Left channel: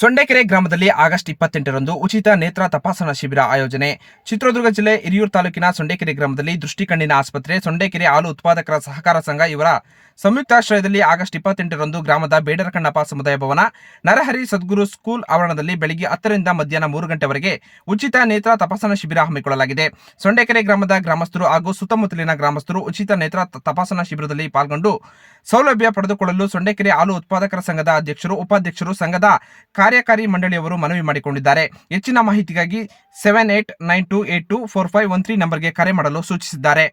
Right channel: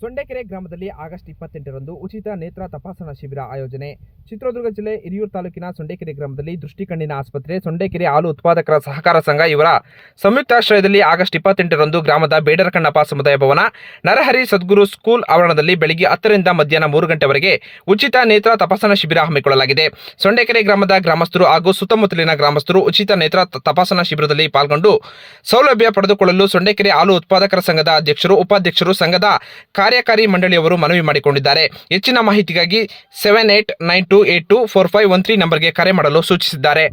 ಸೊಂಡೆಕೆರೆ ಗ್ರಾಮದಲ್ಲಿ ಆಗಸ್ಟ್ ಇಪ್ಪತ್ತೆಂಟರಂದು ಉಚಿತ ನೇತ್ರ ತಪಾಸಣಾ ಶಿಬಿರ ಆಯೋಜನೆ. ಚಿತ್ರದುರ್ಗ ಜಿಲ್ಲೆ ಹಿರಿಯೂರು ತಾಲೂಕಿನ ಸೊಂಡೆಕೆರೆ ಗ್ರಾಮದಲ್ಲಿ ದೃಷ್ಟಿಕಣ್ಣಿನ ಆಸ್ಪತ್ರೆ, ಸೊಂಡೆಕೆರೆ ಹಾಲು ಉತ್ಪಾದಕರ ಸಹಕಾರ ಸಂಘ ಇವರ ಸಂಯುಕ್ತಾಶ್ರಯದಲ್ಲಿ ಆಗಸ್ಟ್ ಇಪ್ಪತ್ತೆಂಟರಂದು ಗ್ರಾಮದ ಬೇಡರಕಣ್ಣಪ್ಪ ಸಮುದಾಯ ಭವನ, ನರಹರಿ ಸದ್ಗುರು ಸ್ಕೂಲ್ ಆವರಣದಲ್ಲಿ ಬೆಳಗ್ಗೆ ಹತ್ತರಿಂದ ಮಧ್ಯಾಹ್ನ ಮೂರು ಗಂಟೆವರೆಗೆ ಉಚಿತ ನೇತ್ರ ತಪಾಸಣಾ ಶಿಬಿರ ಹಮ್ಮಿಕೊಳ್ಳಲಾಗಿದೆ. ಸೊಂಡೆಕೆರೆ ಗ್ರಾಮದ ಗ್ರಾಮಸ್ಥರು ಹಾಗೂ ಸುತ್ತಮುತ್ತಲಿನ ಗ್ರಾಮಸ್ಥರು ಉಚಿತ ನೇತ್ರ ತಪಾಸಣಾ ಶಿಬಿರದಲ್ಲಿ ಪಾಲ್ಗೊಂಡು ಸೌಲಭ್ಯ ಪಡೆದುಕೊಳ್ಳಲು ಸೊಂಡೆಕೆರೆ ಹಾಲು ಉತ್ಪಾದಕರ ಸಂಘದ ಅಧ್ಯಕ್ಷರು, ಉಪಾಧ್ಯಕ್ಷರು, ಸಂಘದ ಕಾರ್ಯಕಾರಿ ಮಂಡಳಿಯವರು ಮನವಿ ಮಾಡಿಕೊಂಡಿದ್ದಾರೆ. ಹೆಚ್ಚಿನ ಮಾಹಿತಿಗಾಗಿ seven eight nine two eight two four five one three ನಂಬರ್ಗೆ ಕರೆ ಮಾಡಲು ಸೂಚಿಸಿದ್ದಾರೆ.